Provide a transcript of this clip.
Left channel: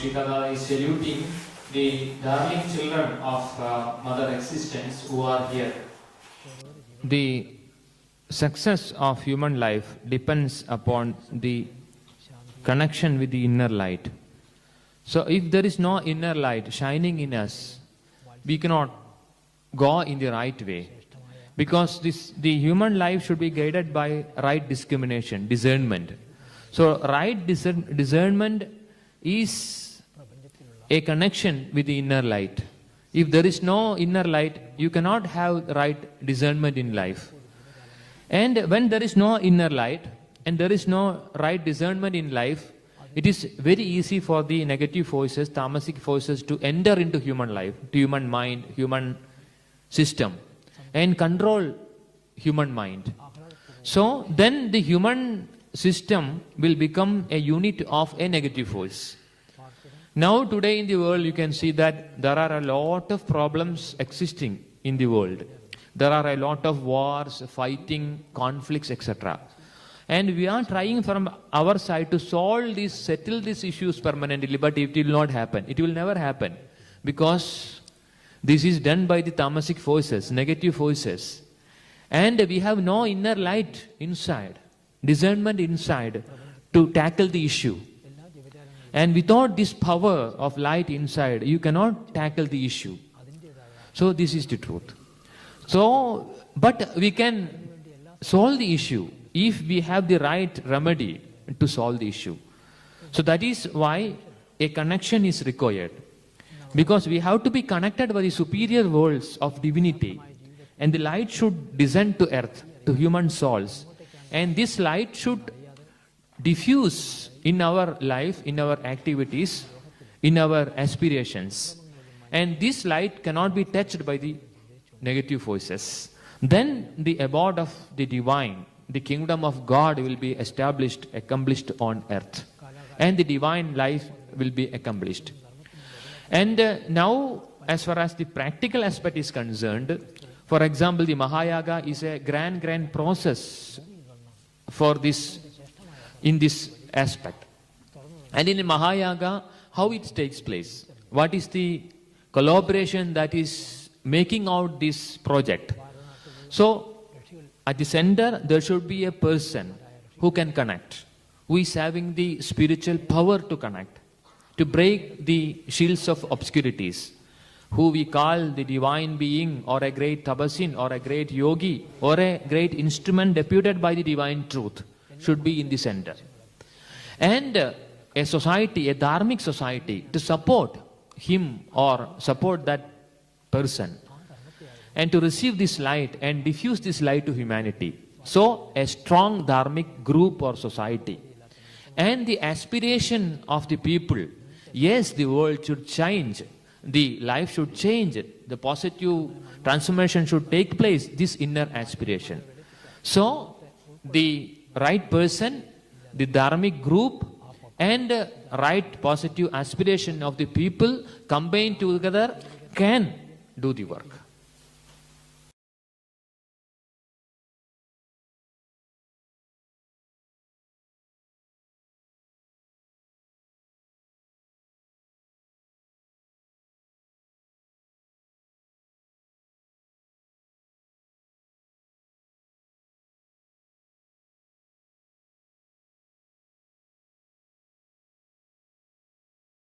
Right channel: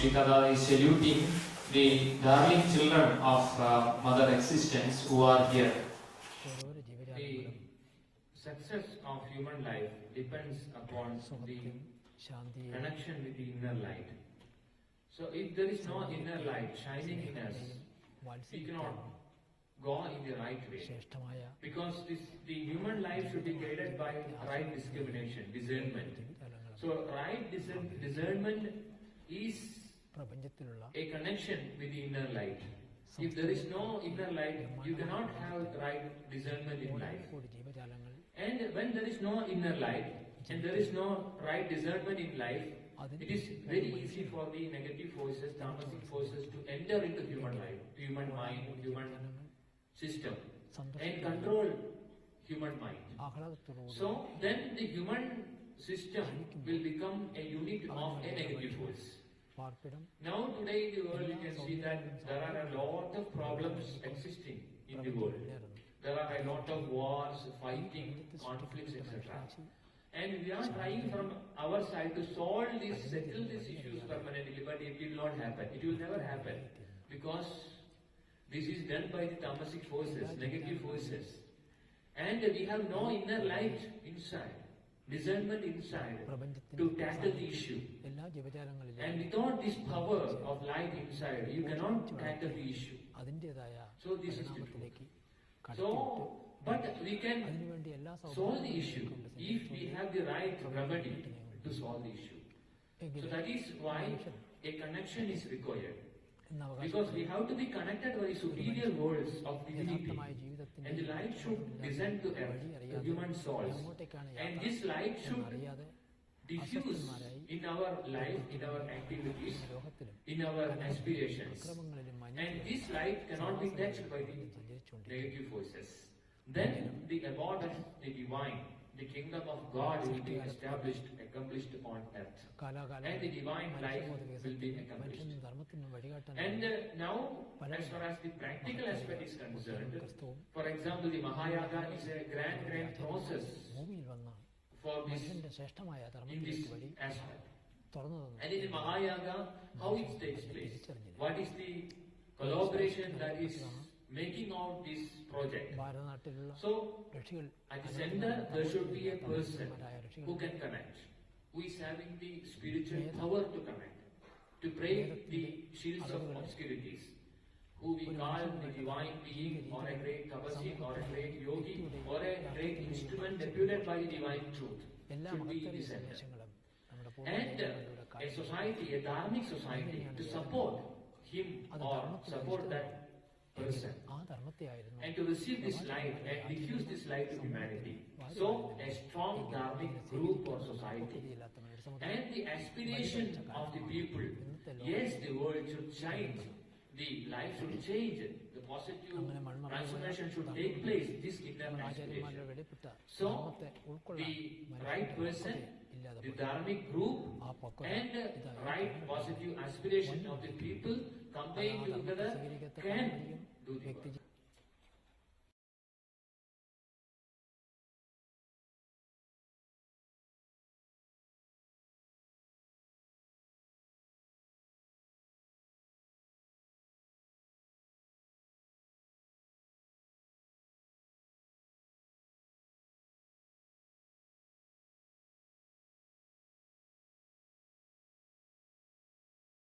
Srikada is saluting the darling children of Mother Existence who are here. The success of human life depends upon the connection with the inner light. So if there is no inner light shining in us, we cannot go in the right way. Because the human life should be guided by right discrimination, discernment. So right discernment is a connection with the inner light. If there is no inner light, you cannot have right discernment in life. And when there is no inner light and there is no right discernment in life, it is very easy for the negative forces, tamasic forces to enter into human life, to human mind, human system, and control human mind. So then the human system will become a unit of a negative force. Now today in the world you can see that there are a lot of problems existing in the world. There are a lot of wars, fighting, conflicts, etc. And we are trying from our side to solve this, settle these issues permanently, but it will not happen. It will never happen. Because this is done by the tamasic forces, negative forces. And we have no inner light inside, discernment inside to tackle the issue. And without this power of light inside, you cannot tackle the issue. So this is the truth. So, but we can solve the issue if we have the right remedy to solve the issue. So that is why a connection is required. Because we have to be connected by the superior worlds of divinity. And the light should descend to earth, to human souls. And this light should diffuse in our life, in our activities, in our aspirations. And this light cannot be touched by the negative forces. Then the abode of the divine, the kingdom of God will be established, accomplished on earth. And the divine life will be accomplished. And now, as far as the practical aspect is concerned, for example, the Mahayaga is a grand process for this, in this aspect. And in the Mahayaga, how it takes place? What is the collaboration that is making out this project? So, at the center, there should be a person who can connect, who is having the spiritual power to connect, to break the shields of obscurities, who we call the divine being or a great tapasin or a great yogi or a great instrument deputed by the divine truth should be in the center. And a society, a dharmic society, to support him or support that person and to receive this light and diffuse this light to humanity. So a strong dharmic group or society. And the aspiration of the people, yes, the world should change, the life should change, the positive transformation should take place, this inner aspiration. So the right person, the dharmic group, and right positive aspiration of the people combined together can do the work.